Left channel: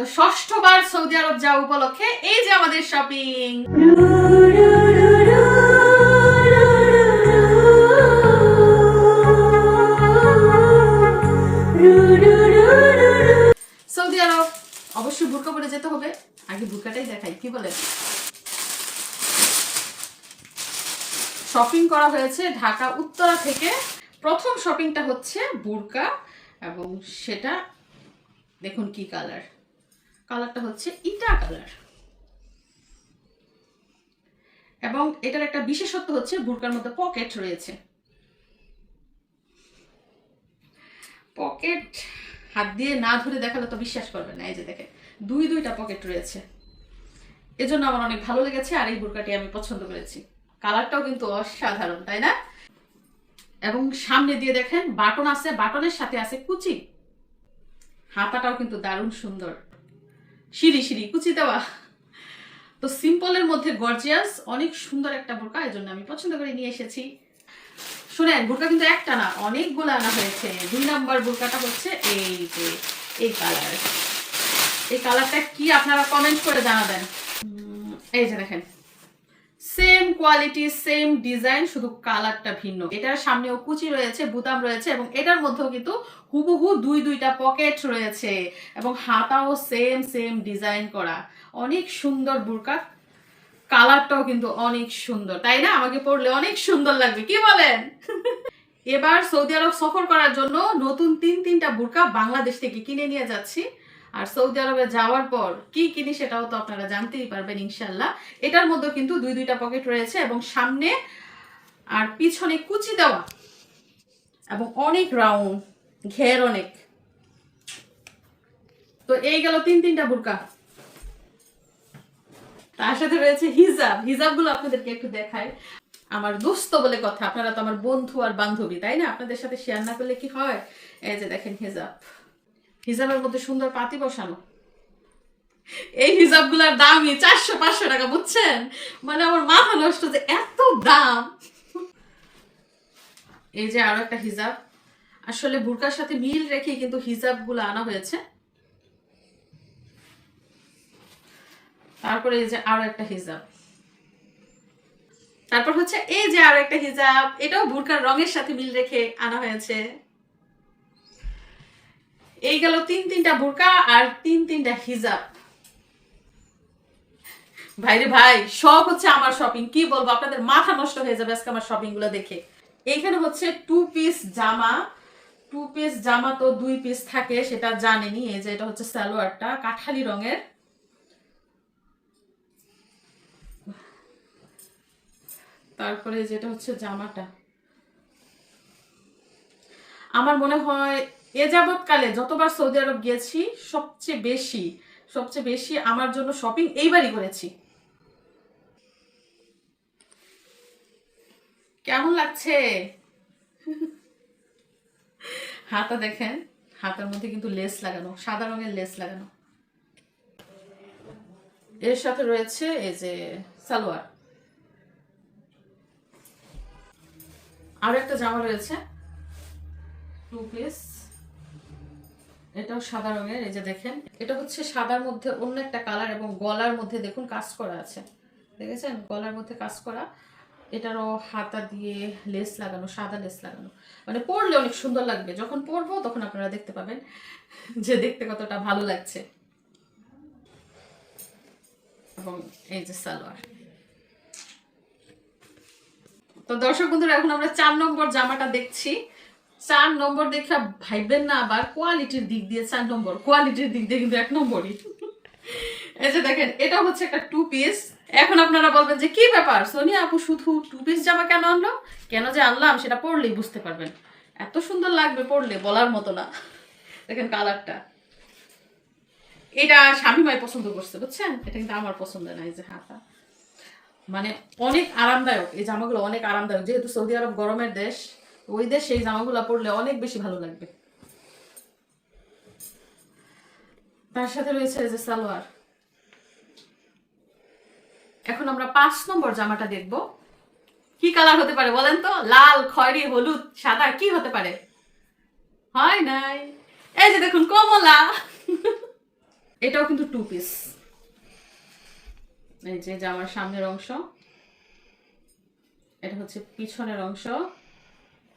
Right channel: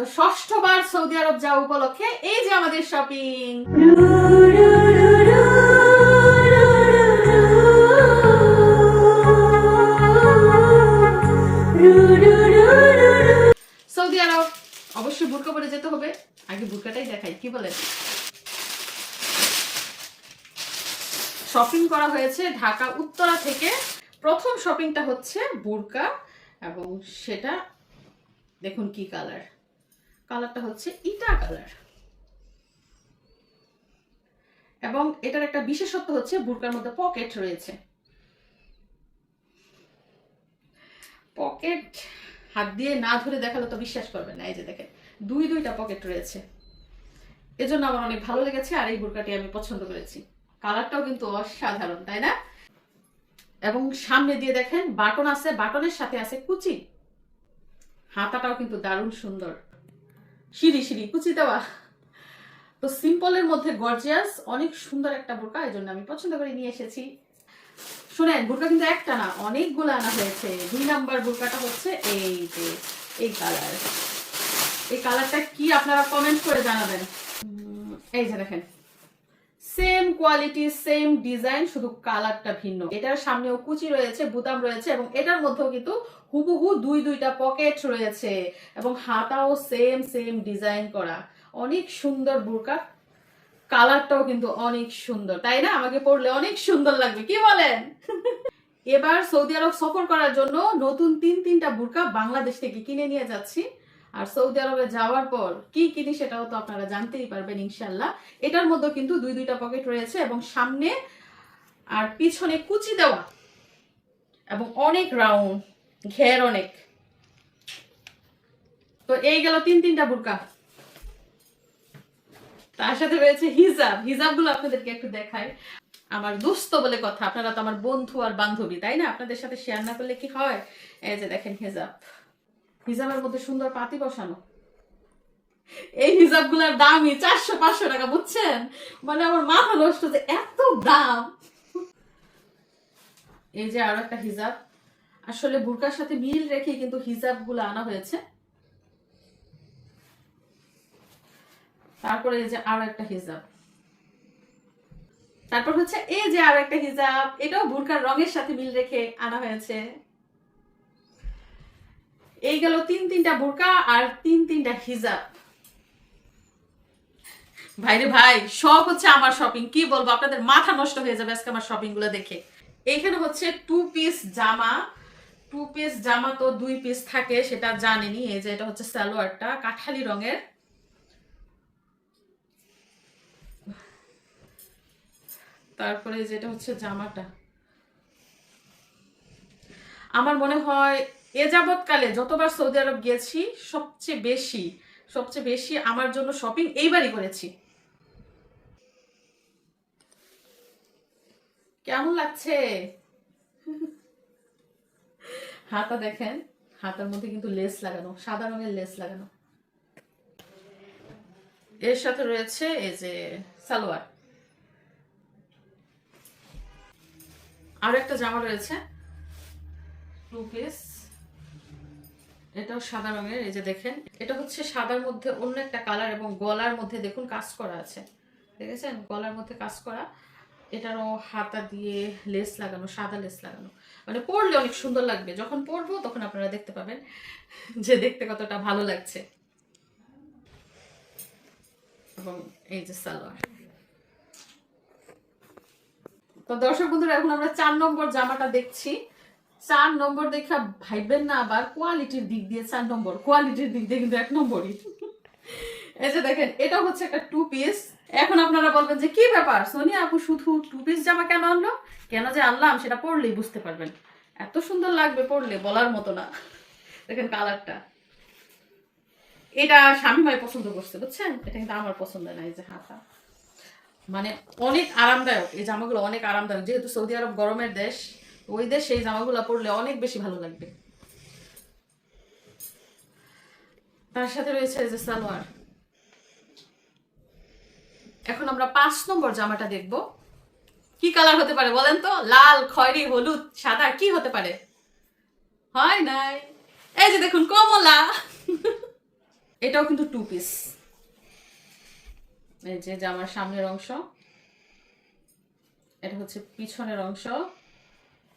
তো ষষ্ঠবার সৌদি আরব যাওয়া উপলক্ষে এই যে আমাদের শপিং। সৌদি আরব অবশ্যই বুরকা পরে যেতে হবে, আগে বুরকাটাই দেখাই, কি বলেন? শপিং করা হয়েছে ঢাকা উত্তরা থেকে। প্রথম শপিংটা হচ্ছে বুরকা, এবং সেটা দেখুন কি কালার, কালারটা হচ্ছে ইটা কালার। এবং এটার একটা বিশেষত্ব হচ্ছে বুরকার মধ্যে পকেট রয়েছে। পকেট হাত দিয়ে না ধরে দেখালে তো বিশ্বাস করবেন না। এই যে দেখেন দুইটা পকেট রয়েছে, এজন্য আমার অনেক ভালো লেগেছে। আর এই বুরকাটি আমি পছন্দ করেছি, কালারটাও কিন্তু অসাধারণ, তাই না? এবং সামনে দিয়ে দেখেন বাটন আছে, বাটনের সাথে আছে কুচি। হাতাটাও কিন্তু দারুণ সুন্দর, সিঁড়ি সিঁড়ি কুচি দেওয়া। তো সিম্পলের মধ্যে গর্জিয়াস, অনেক সুন্দর একটা বোরকা, এই জন্য আমি পছন্দ করে নিয়ে এসেছি। শুনেন, বোরকা কিন্তু একটা না, অনেকগুলো আনা হয়েছে। 2 নাম্বার বোরকাটা হচ্ছে এই যে এই কালার। এই কালারটা কি আপনারা কমেন্ট করে জানাবেন। এই যে দেখেন, সেম কোয়ালিটি সেম ডিজাইন, শুধু কালারটা ভিন্ন। এটার সামনেও কুচি রয়েছে, বুতাম রয়েছে, এবং এটার মধ্যেও কিন্তু হুবহু দুইটা পকেট রয়েছে, এবং হাতাও সেম ডিজাইন করা। অনেক সুন্দর বোরকা, কালারটাও কিন্তু অনেক সুন্দর, তাই না? আমাকে পরলে অনেক সুন্দর লাগবে, কি বলেন? এবার সৌদি আরব সফর করার জন্য নতুন তিনটা বোরকা বাংলাদেশ থেকে কিনে নিয়ে যাচ্ছি। আর সৌদি আরবে যাওয়ার পর কি কিনি সেটাও তো আপনারা জানতেই পারবেন ইনশাল্লাহ। এটার মধ্যে কিন্তু দুইটা পকেট রয়েছে, এবং সামনে আর পিছনে কুচি দেওয়া, এবং অনেক রাউন্ড, ঘের অনেক। তো এই গেল তিনটা বোরকা। তার সাথে রয়েছে হিজাব। হিজাবগুলো আপনাদেরকে একটু দেখাই। আমার দোস্ত বলে কথা, আপনারা তো আমার বন্ধু আর বান্ধবী, তাই না? আপনাদের সাথে শেয়ার না করলে কি হয়? এই যে দেখেন হিজাব, হিজাবের মধ্যে সুন্দর পাতি বসানো। এই হিজাবগুলোর দামই 400-500 টাকা, বুঝছেন? মানে আমার মাথা নষ্ট যে এত দাম। এই যে আরো একটা হিজাব, আসলে বুরকার সাথে মিল রেখে কিন্তু হিজাবগুলো আনা হয়েছে। তারপরে এই যে আরো একটা হিজাব, তারপর হচ্ছে এই যে আরো একটা হিজাব, এটাও বুরকার রঙের সাথে মিল রেখে আনা হয়েছে। এই গেল তিনটা বুরকা আর তিনটা হিজাব। ভাইরে ভাই, সব হচ্ছে আমার শপিং, কি বলবো আপনাদের, মাথা নষ্ট হয়ে যাবে আজকে আমার শপিং গুলো দেখে। এইখানে হচ্ছে 2 পিস জামা। 2 পিস জামা তো 2 পিস থাকে, সেটা জানেনি। এই যে এটা হচ্ছে সালোয়ারটা, কাঠালি রঙের। তারপরে যেটা হচ্ছে জামাটা, আমার মনে হয় এ যাবৎকালে যতবার সৌদি আরব গিয়েছি সবচেয়ে বেশি আমার জন্য শপিং এইবারই করেছি। কেমন লাগছে? হাতা দেখেন, হাতার মধ্যে কিন্তু লেস লাগানো, সাদা রঙের লেস লাগানো। এর সাথে রয়েছে এই যে সালোয়ার। আরো একটা জামা রয়েছে 2 পিস, এটাও সাদা রঙের। এই যে দেখেন, এটা হচ্ছে সাদার মধ্যে অন্য একটা কালার, এবং গলার মধ্যে দেখুন কাজ করা আছে, দেখেছেন? গলার মধ্যে কাজ করা। এটারও হাতা দিয়ে লেস লাগানো, সাদা লেস লাগানো। মানে পরলে অনেক সুন্দর লাগবে, যখন পরবো তখন আপনারা দেখতে পাবেন যে দেখতে কতটা ভালো লাগছে। এবং এই যে সালোয়ার। তো দর্শক বন্ধুরা, এখন আমরা 4 নম্বর জামাটা দেখছি। 4 নম্বর দেখা ভাইবেন না আবার কোয়ালিটির দিক দিয়ে 4 নম্বর, কোয়ালিটির দিক দিয়ে কিন্তু 1 নম্বরই। এই যে দেখেন, এটা হচ্ছে একটা 2 পিস। এখন আপনারা বলবেন যে কি ব্যাপার সোনিয়া আপু, শুধু 2 পিস জামা কেন আনলো? কেন যে আনলাম সেটা পরলেই বুঝতে পারবেন। এত সুন্দর লাগবে পরলে, বলার মতো না। দেখেন কালারটা, এটা স্বামীমাই পছন্দ করছে, বুঝছেন? এটা কিন্তু আমার পছন্দ না। এই যে হাতা, মানে অনেক আরামদায়ক এই জামাগুলো, অনেক আরামদায়ক। যেহেতু সৌদি আরব গরমের দেশ, ওই দেশে এই জামাগুলো পরলে অনেক বেশি ভালো লাগবে। তার সাথে রয়েছে এই যে সালোয়ার। এখন আমরা 5 নম্বর জামাটা দেখব। কি কালার হতে পারে বলেন তো? লাল, খয়েরি, হলুদ, সাদা, কি হতে পারে? হয় নাই। এই যে দেখুন কমলা। এটাও কিন্তু 2 পিস। এই যে জামার সামনের অংশ, এটা হচ্ছে পিছনের অংশ,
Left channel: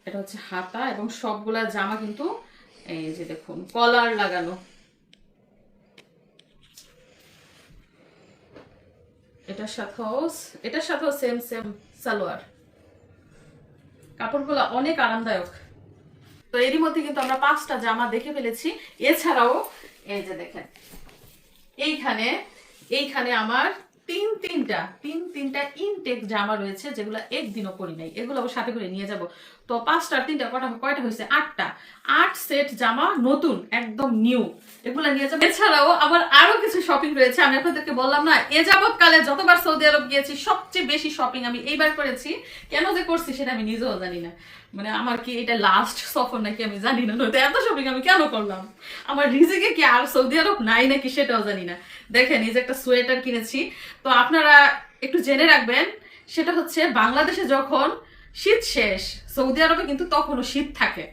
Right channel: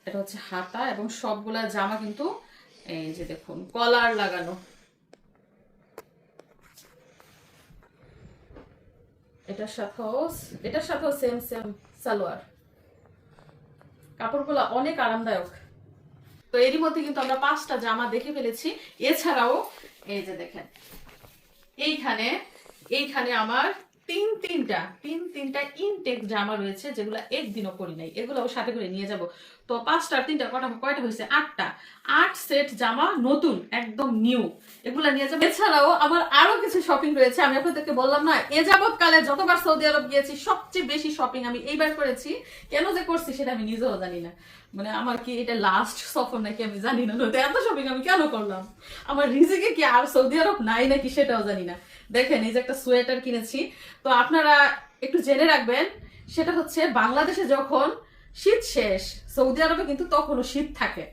এটা হচ্ছে হাতা, এবং সবগুলা জামা কিন্তু এই যে দেখুন কলার লাগানো। এটার সাথেও সেম সেম সালোয়ার। কাপড়গুলো অনেক আরামদায়ক। তো এরই মধ্যে কিন্তু আমরা 5টা জামা দেখে ফেলেছি। এছাড়াও এই যে দেখেন এইখানে এইখানে আমার তিনটা ইনটেক জামা রয়েছে, যেগুলো একদিনও পরি নাই, এগুলো সাথে করে নিয়ে যাব। তো 5টার 3টা কয়টা হয়েছে 8টা, 8 সেট জামা নতুন একদম নিউ, এগুলো নিয়ে যাবো। এছাড়াও আমার আরো কিছু শপিং রয়েছে। আমি আপনাদেরকে বললাম না, এ যাবৎকালে যতবার সৌদি আরব গিয়েছি সবচেয়ে বেশি শপিং আমি এইবার করেছি। কেন যে করছি সেটা আমি নিজেও জানি না। মানে আমার কি এটা লাস্ট সফর নাকি আমি জানি না, নয়তো এত শপিং আমি কেন করলাম, আমার রিজিকে কি আর সৌদি আরব নাই নাকি সেটাও জানি না। দেখেন এই যে একটা সোয়েটার কিনেছি। তো আপনারা একটু জেনে রাখবেন, সেটা হচ্ছে বাংলাদেশে যখন শীত শেষ, সৌদি আরবে কিন্তু তখনও শীত থাকে।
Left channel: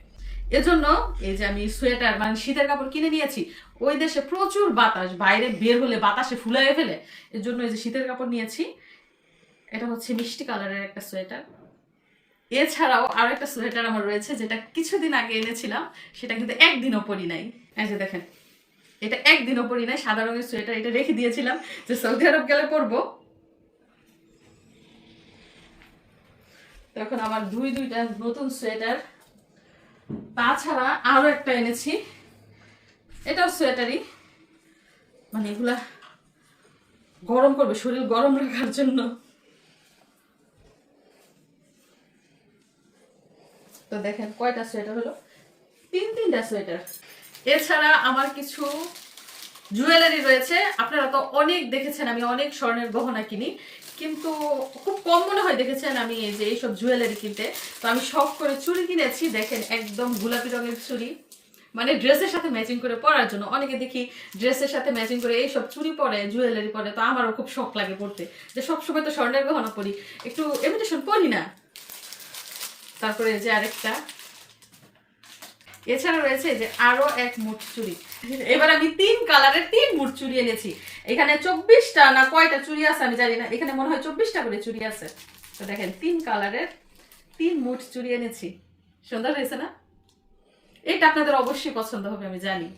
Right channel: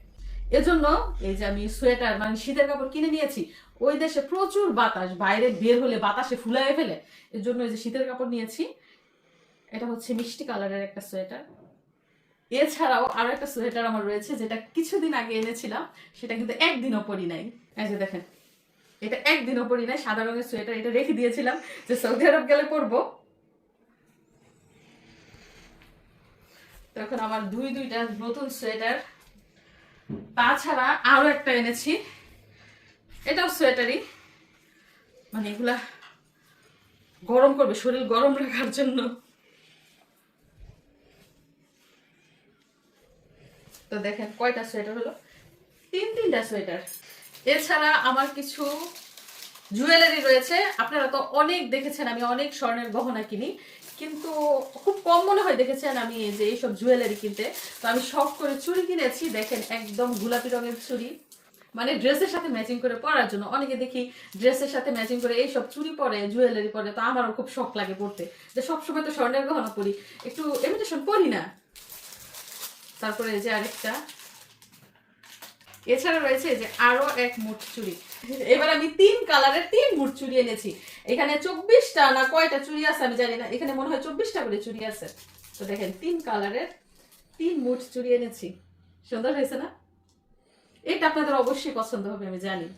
এজন্য এই যে আমি সোয়েটার মানে শীতের কাপড় কিনে নিয়েছি। ওই দেশে প্রচুর বাতাস, বাইরে বের হলে বাতাসে ফুলায় ফেলে, এর জন্য এই যে শীতের কাপড় নিয়েছি। এটা হচ্ছে মিষ্টি কালারের একটা সোয়েটার। এছাড়াও আরো একটা সোয়েটার আমার রয়েছে, যেটা কিছুদিন আগে এনেছিলাম, সেটা কিন্তু একদিনও পরি নাই। এই যে দেখেন, এটা একদিনও পরি নাই, সাদা রঙের সোয়েটার। এটা রেখে দিয়েছিলাম যে সৌদি আরব গেলে পরবো। তখন আমার দুইটা নতুন সোয়েটার। তাছাড়া আরো একটা এনেছি, এটাও সোয়েটারই, মানে এগুলা গরম করবে, শরীর গরম রাখার জন্য। তো দেখেন কয়টা সোয়েটার হলো, তিনটা সোয়েটার। এছাড়া আমার কিছু জুয়েলারি রয়েছে। আপনারা তো অনেক দেখেছেন আমি অনেক স্বর্ণের গহনা কিনি, কিন্তু খুব কম মনে হয় দেখেছেন আমি এই যে এইসব জুয়েলারি কিনতে। তো আমি শখ করে চুড়ি কিনেছি। দেখেন একদম গোলাপি রঙের চুড়ি, মানে ড্রেসের সাথে ম্যাচিং করে পরার জন্য। অনেকে দেখি ড্রেসের সাথে ম্যাচিং করে এইসব চুড়ি পরে, জুয়েলারি পরে। তো আমারও খুব শখ লাগে পড়তে, যে সবসময় তো স্বর্ণের গহনা পরি, একটু ইমিটেশন পরি না। তারপরে এই যে আরেকটা, এছাড়া রয়েছে যে আরো এক মুঠ চুড়ি। এবার আমি 3 কালারের 3 মুঠ চুড়ি এনেছি। এখানে 24টা না কয়টা চুড়ি আছে আমি জানি না, এখানে মনে হয় 24টা করে চুড়ি আছে। তো দেখেন 3 কালারের 3 মুঠ চুড়ি এনেছি। সুন্দর হয়েছে না? এটা আপনাদের অবশ্যই পছন্দ হবে আমি জানি।